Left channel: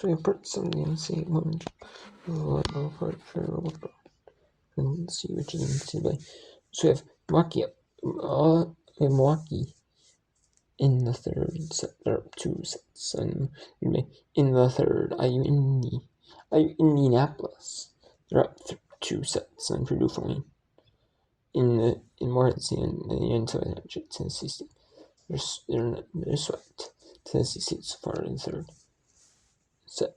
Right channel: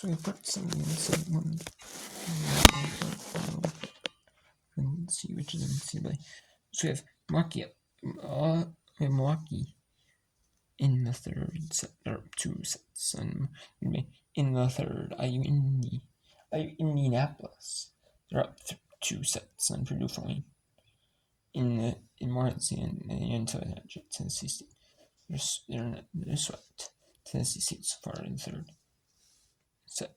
So we put some in NCAA women. And see which is NCAA. So we have Milwaukee in the third set. There are 2 sets. And in the third, IU Indianapolis. They're up 2 sets. And Purdue for me. In Morganton and the NCAA Tennessee State. They're swept. Tennessee State so far in the third set.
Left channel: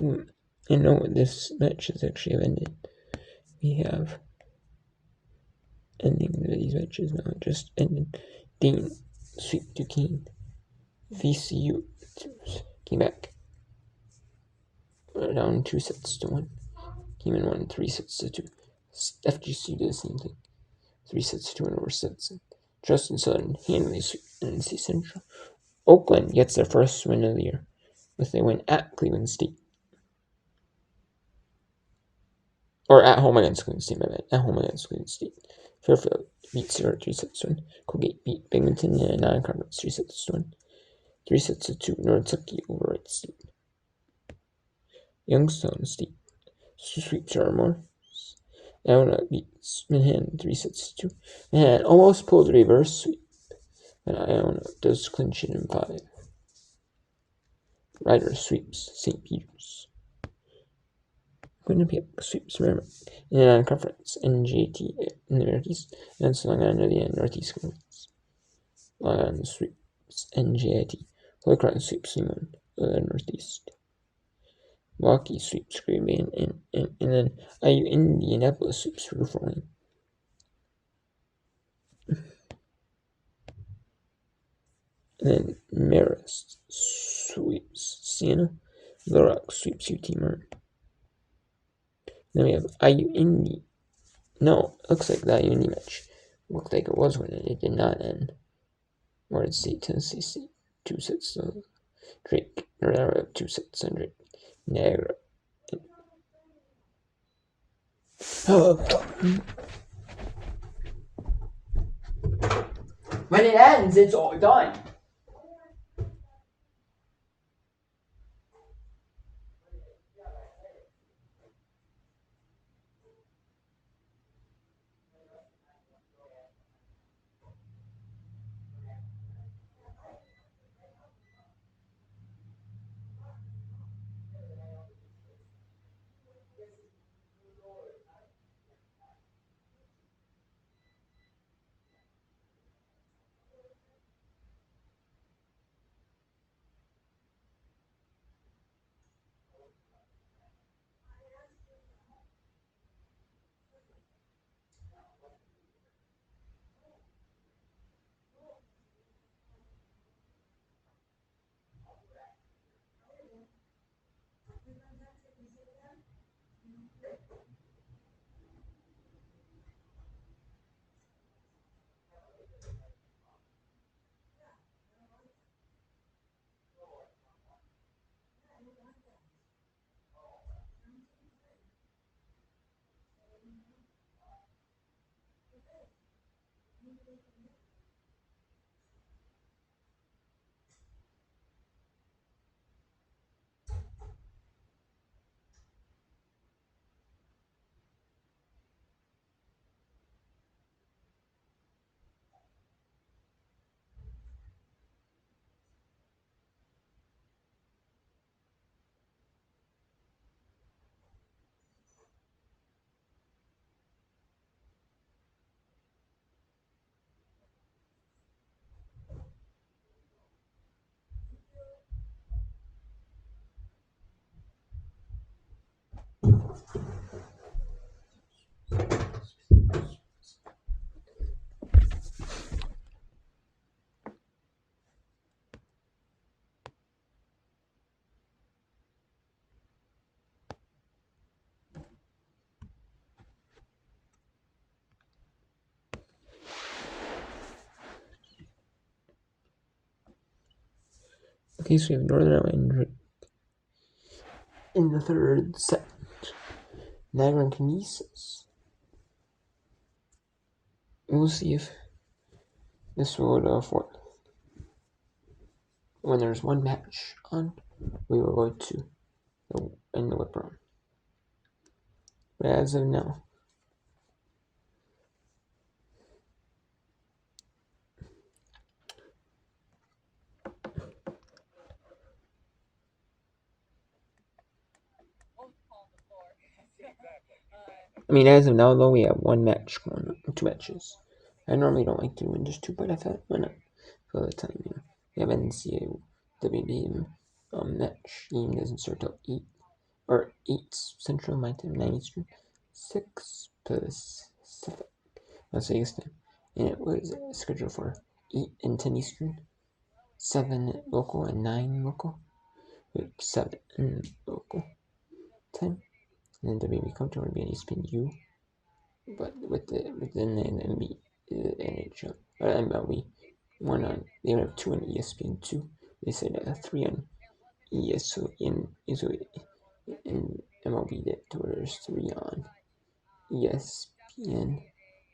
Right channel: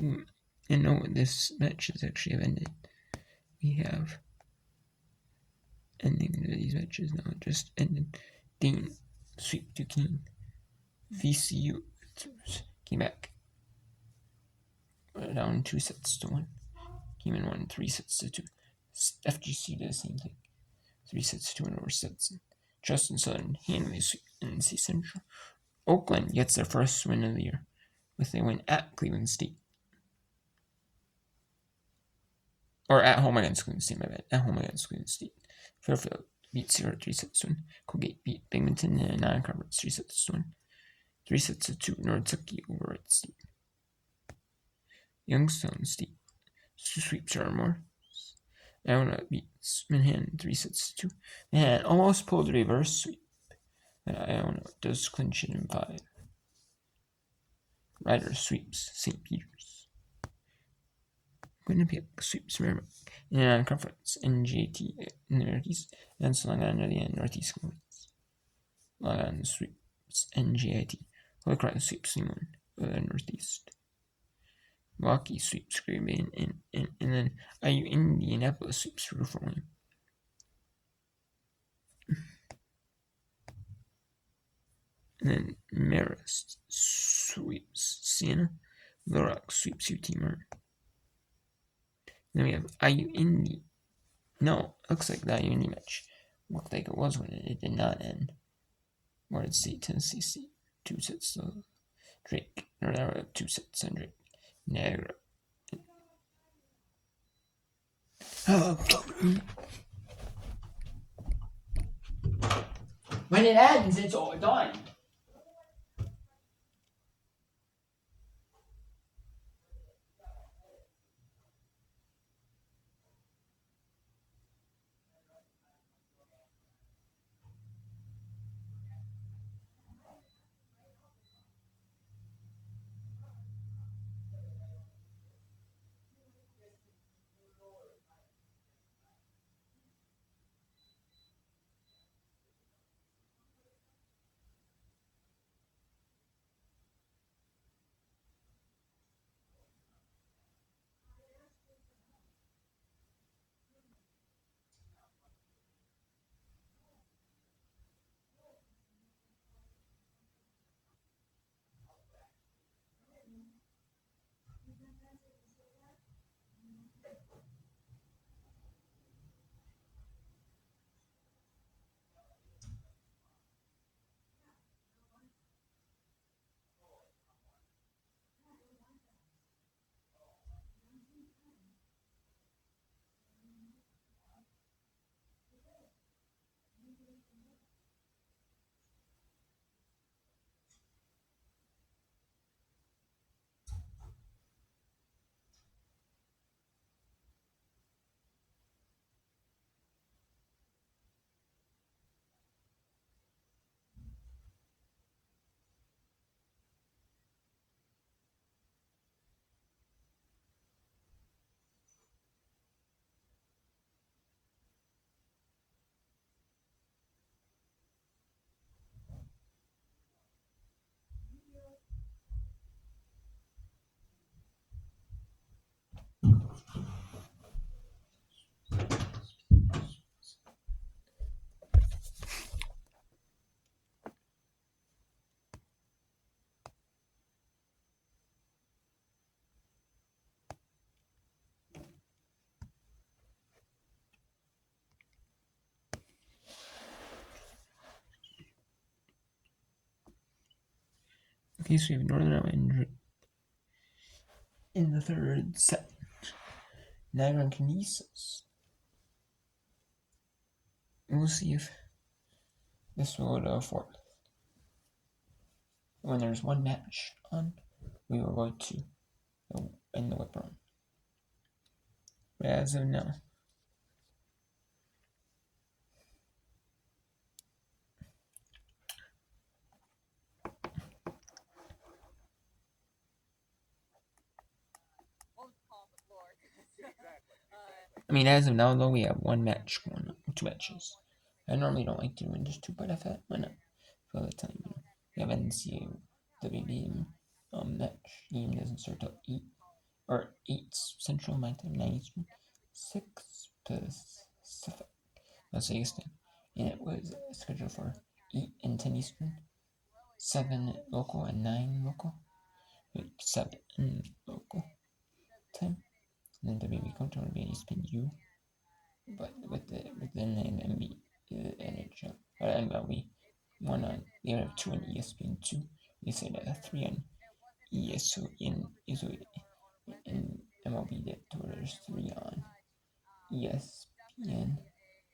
And no, this match has actually ended. We have ending these matches now. It just ended. Dean sweep Duquesne. VCU came back down 2-1. Came in 1 3-2. FGC did the same thing. 3-2 over Stetson. Justin Southern handily sweep NC Central. Oakland gets their first win of the year with a win at Cleveland State. Or at home against Cleveland State, my bad. At home against Cleveland State. Fairfield beat Sierra 3-1. Colgate beat Binghamton in a non-conference 3-1. 3-2. North over Wright State. Youngstown State sweeps Armour. Iona beats Manhattan 3-2. Manhattan almost pulled a reverse sweep, and Iona does clinch it in 5. Rider sweeps St. Peter's. Winnipeg sweeps Merrimack in a non-conference NJT in the Northeast, and so long under the end Northeast Conference. Long on sweeps NJIT. Holy Cross sweeps Limon of the Northeast. Milwaukee sweeps Green Bay, and then IU Indianapolis sweeps Reform. And then Marist sweeps Siena. Little Rock sweeps UT Martin. Then we have IU Indy. No, looks like the IU Indy match looked like it was winning. It did not end. Morgan State, Tennessee State. 2 sets to Drake. 2 sets on Drake. Niagara. When it ends, it's all done. Okay, so we have Northern Iowa and Drake in the third set. Niagara and Canisius. we'll see if this will for when there's one match on, we will go to in the whip round. But as of now, I mean, as of now, though, we have one match going on, 2 matches. I normally don't like doing just 2, but I thought, why not? For the time, we have NCAA WB match. Game doesn't start till 8 or 8 Central, my time, 9 Eastern, 6 Pacific. Let's say Eastern, and it was scheduled for 8 and 10 Eastern, 7 local and 9 local, 7 local time. And then WB counter would be an ESPN U, but within the NHL or MLB, one on they would have 2 on ESPN 2. They said 3 on ESPN and MLB did. So there's 3 on ESPN,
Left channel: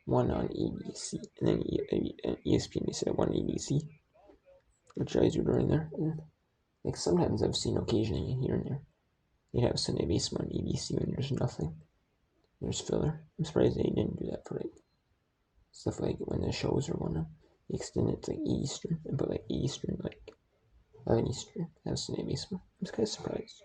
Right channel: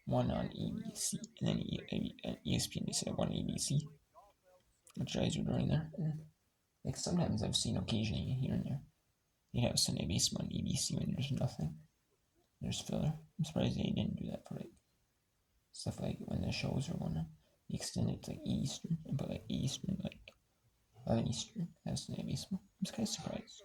1 on ABC, and then ESPN they said 1 on ABC, which guys are doing there. And like sometimes I've seen occasionally here and there they'd have Sunday baseball on ABC when there's nothing. There's filler. I'm surprised they didn't do that for like stuff like when the shows are going on. They extend it to like Eastern and put like Eastern, like 11 Eastern. That's Sunday baseball. I'm just kind of surprised.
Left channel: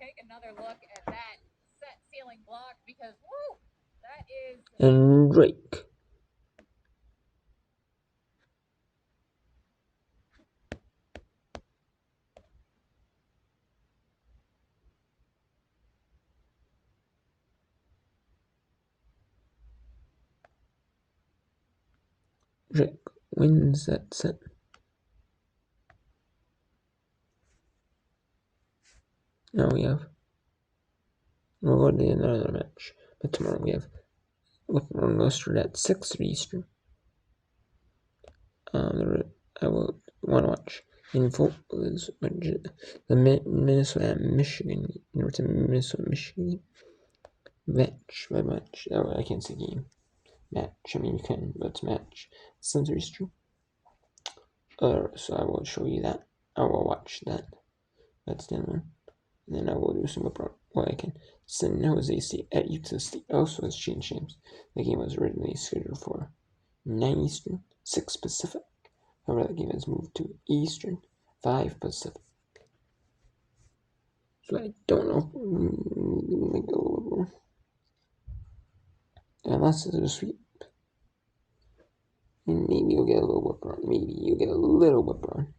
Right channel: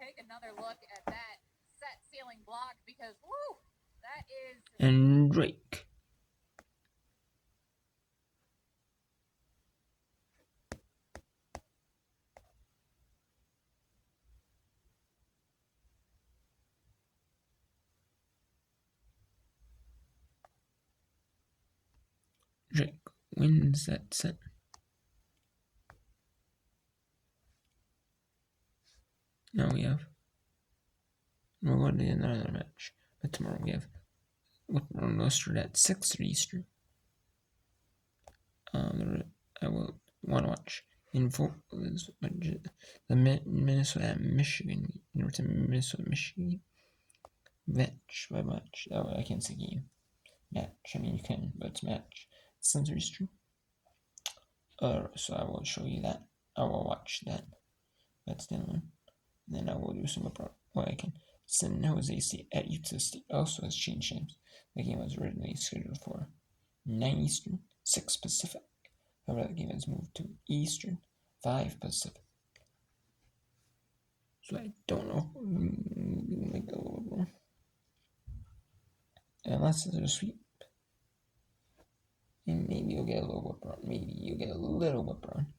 Take another look at that set ceiling block because woo, that is. And Drake. Drake wins that set. Now we'll go to another match, but tomorrow we have Whitmore Roaster at 6 Eastern. I will want to watch in full is the Minnesota Michigan Minnesota Michigan match. Oh, I can't say game match. I mean you can, but it's match. 7 Eastern. So I will show you that. I will watch that. That's the one. And then I will do some about what I can. San Jose State at Utah State also has changed names. The game was originally scheduled for 9 Eastern, 6 Pacific. However, the game has moved to Eastern, 5 Pacific. So I don't know. Unless there's a sweep. And maybe you'll get a little whip run. Maybe you'll get a little whip run.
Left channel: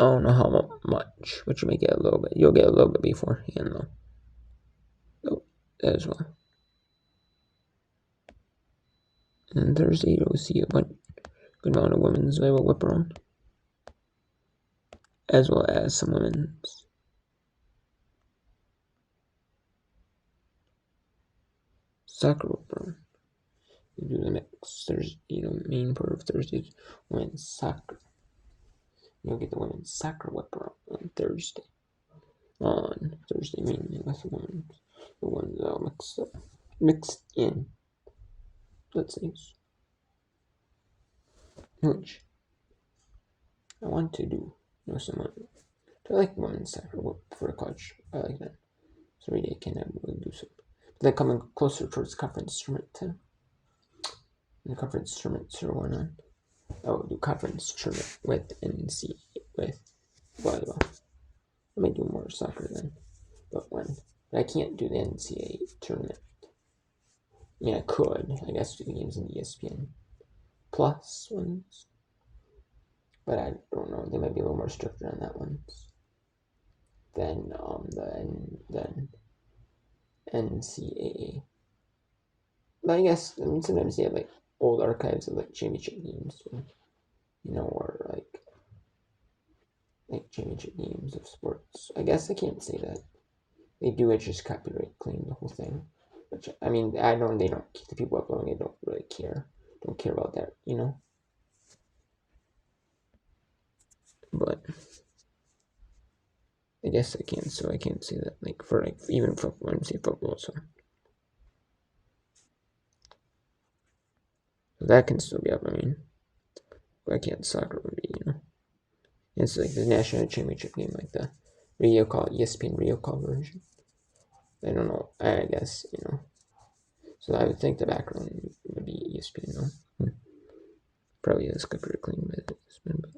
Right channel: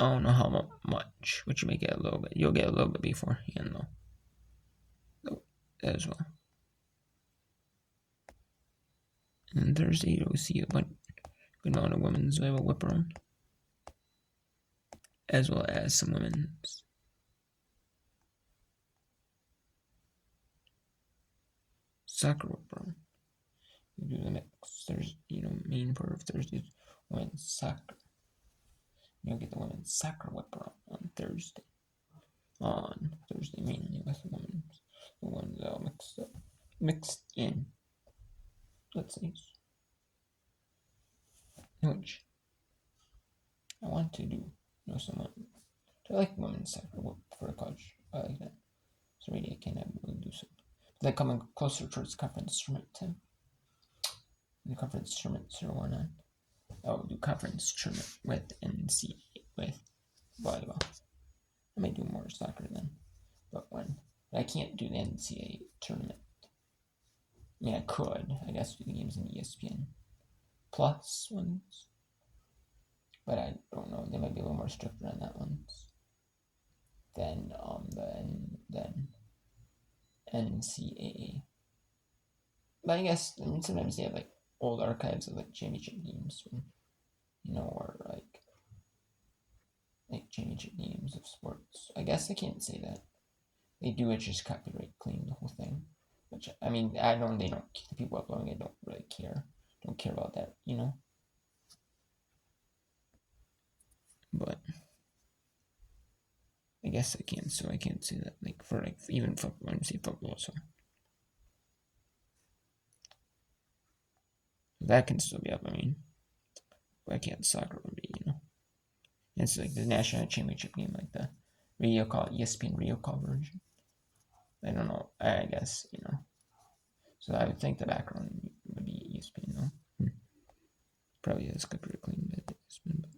I don't know how much, but you may get a little bit. You'll get a little bit beforehand, though. So, as well. And Thursday, you'll see a good amount of women's volleyball whip run, as well as some women's. Soccer whip run. We do the mix. There's, main part of Thursday's women's soccer. You'll get the women's soccer whip run on Thursday. On Thursday, mainly with the women's. The ones all mixed in. Let's see. Which I want to do. Someone. I like women's soccer whip for a coach. I like that. So maybe I can do some. But then coming closer towards conference tournament too. And the conference tournaments are going on. I will do conference tournament with NCAA with volleyball. I may do more soccer then, but I can't do the NCAA tournament. I mean, I could. I guess do the games in ESPN Plus ones, but I don't know. They might be a little more stricter on that ones than NCAA. But I guess sometimes they have like old archives of like championship games, or like championship games of sports. I guess I can't say that they do it, just copyright claim the whole thing. Which I mean, I know they don't. The people uploading it don't really care. Don't care about that, I guess I can, so I can't say that, like, for, like, even football, I'm saying football, so that can still be up, I mean, but I can't, soccer would be, it's like the national championship game, like the radio call, ESPN radio call version. I don't know, I guess, so I would think the background would be ESPN, Probably is pretty clean by ESPN, but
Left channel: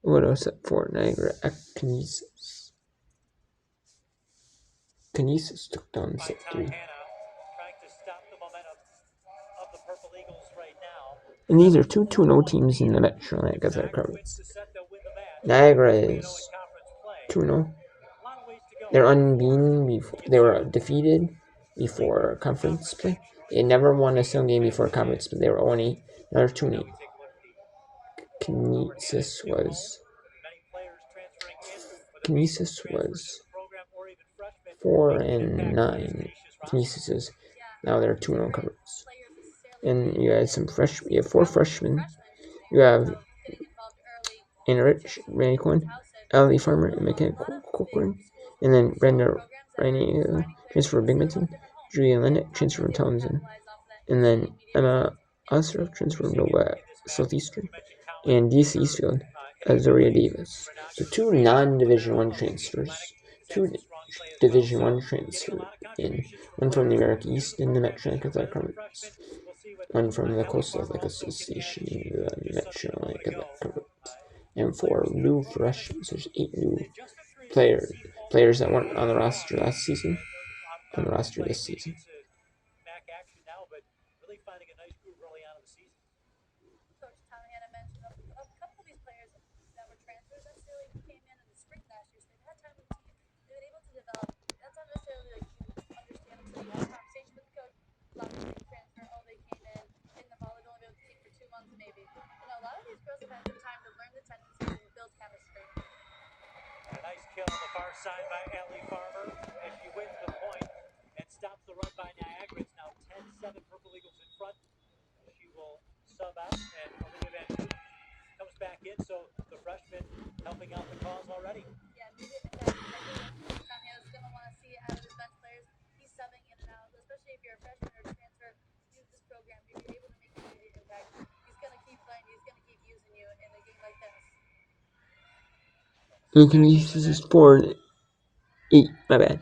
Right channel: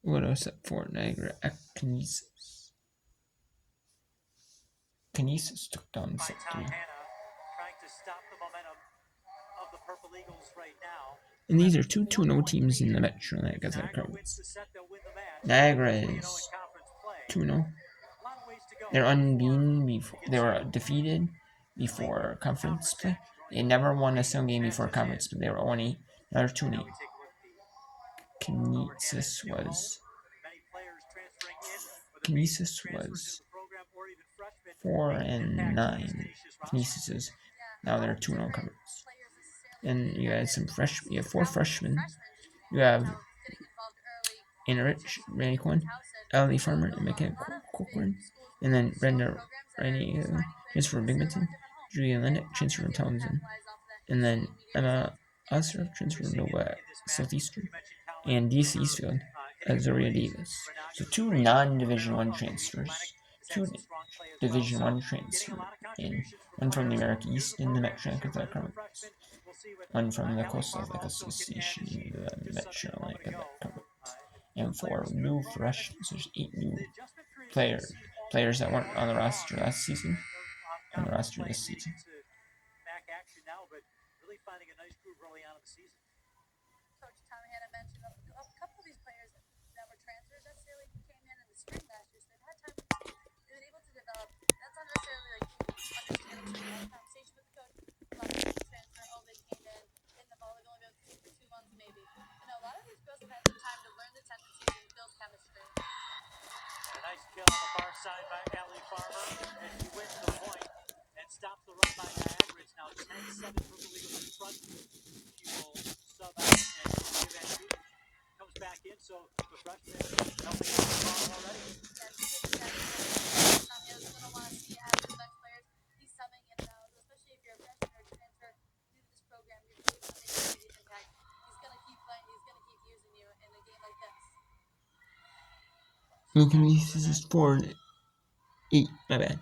what else up for Niagara Kinesis? Kinesis took down set 3. And these are two 2-0 teams in the Metro Atlantic Athletic Conference. Niagara is 2-0. They're unbeaten before they were defeated before conference play. They never won a single game before conference, but they were only another 2-8. Kinesis was 4-9. Kinesis is now they're 2-0 conference. And you had some freshmen. You have 4 freshmen. You have Enrich, Randy Cohen, Ali Farmer, and McKenna Cochran. And then Brenda Rainey, transfer from Binghamton. Julia Lennox, transfer from Townsend. And then Emma Ostroff, transfer from Nova Southeastern. And DC Eastfield, Azaria Davis. So 2 non-Division 1 transfers. 2 Division 1 transfer in. One from the American East in the Metro Athletic Conference. One from the Coastal Athletic Association in the Metro Athletic Conference. And 4 new freshmen. So there's 8 new players that weren't on the roster last season. On the roster this season. Kinesis is 4-8. My bad.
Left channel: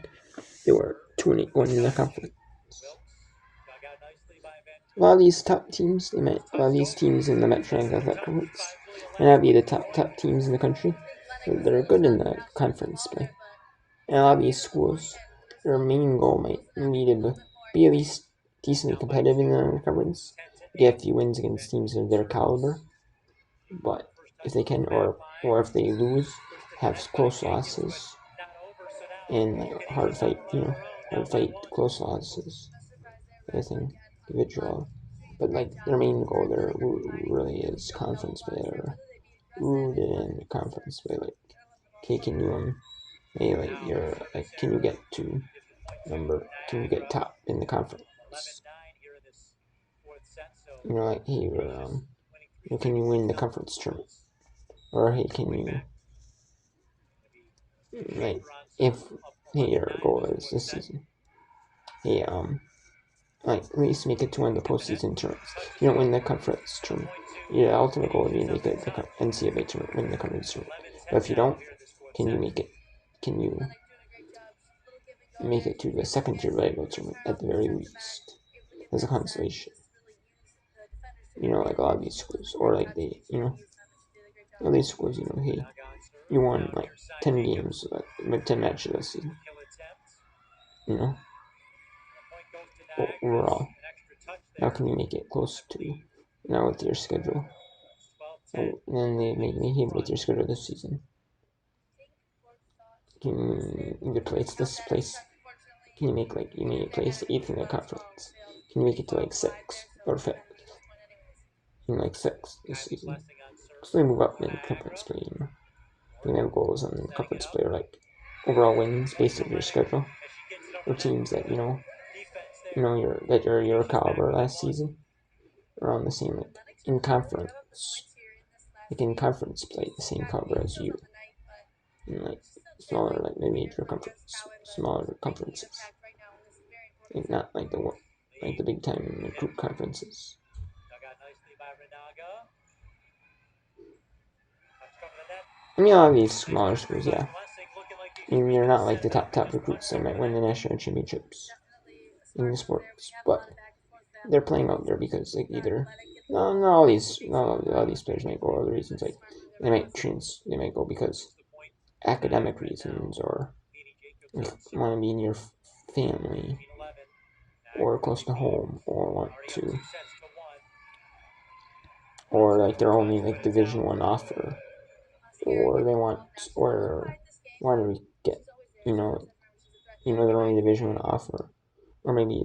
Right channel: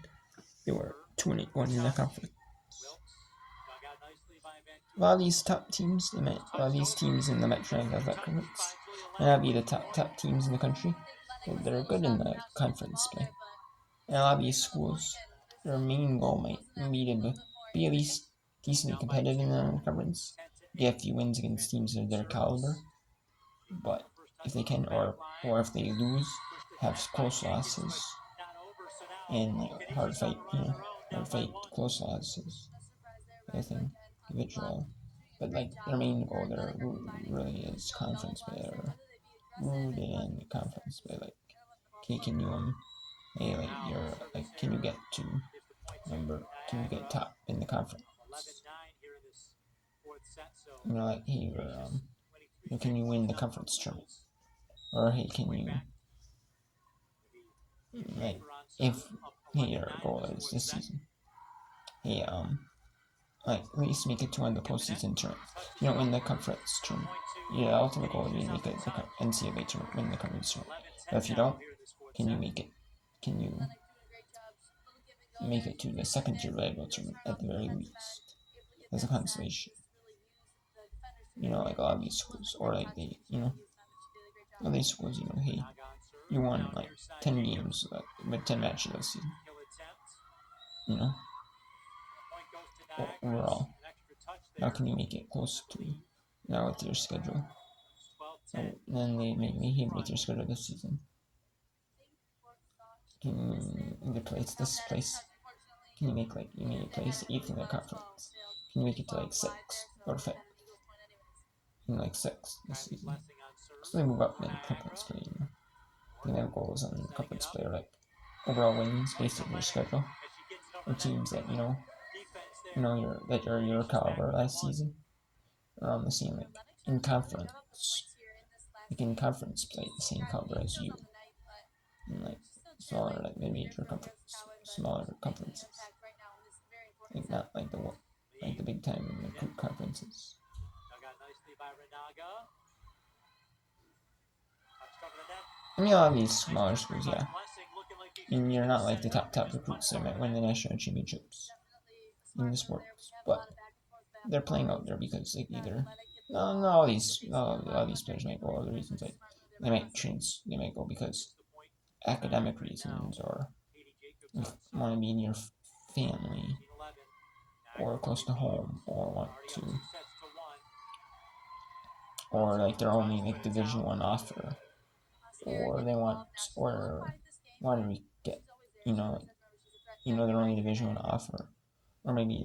They were 2-8 going into the conference. A lot of these top teams, a lot of these teams in the Metro Athletic Conference may not be the top teams in the country, but they're good in the conference play. And a lot of these schools, their main goal might be to be at least decently competitive in the conference, get a few wins against teams of their caliber. But if they can, or if they lose, have close losses and like hard fight, close losses. I think individual, but like their main goal there really is conference play, or rooted in the conference play. Like, okay, can you hey, like you're like, can you get to can you get top in the conference? Like, hey, can you win the conference tournament? Or hey, can you like, if hey, your goal is this season, hey, like at least make it to win the postseason tournaments. If you don't win the conference tournament, your ultimate goal would be to make it the NCAA tournament, win the conference tournament. But if you don't, can you make it? Can you make it to the second tier volleyball tournament at the very least as a consolation? Like a lot of these schools, or like all these schools, hey, you won like 10 games with 10 matches this season. Overall, how can you make it close to now with your schedule? And then they make me hit with your schedule this season. Can you either this place? Can you make you may place 8th in the conference? Can you make it to like 6th or 5th? In like 6th this season? Because they move up in conference play, They have goals on conference play, or like overall wins based on your schedule. or teams that you're your caliber last season are on the same in conference, in conference play, the same caliber as you, in smaller mid-major conference, smaller conferences, not the big time recruit conferences. I mean, a lot of these smaller schools, yeah. I mean, you're not like the top recruits that might win the national championships in the sports, but they're playing out there because either no all these players might go other reasons they might go because academic reasons or want to be near family or close to home or want to or they're only Division One offer or they want to get their only Division One offer or maybe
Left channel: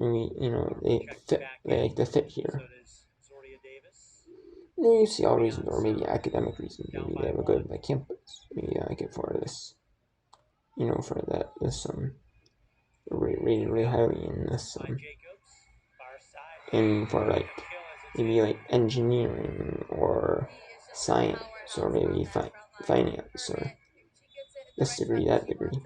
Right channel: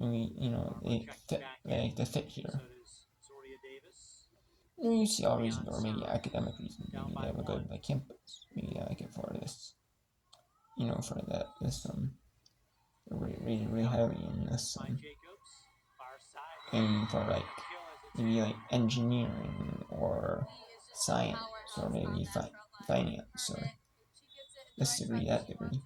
they like to fit here. You see all reasons, or maybe academic reasons. Maybe they have a good campus. Maybe I get for this, for this rated really highly in this aiming for maybe engineering or science or maybe finance or this degree, that degree.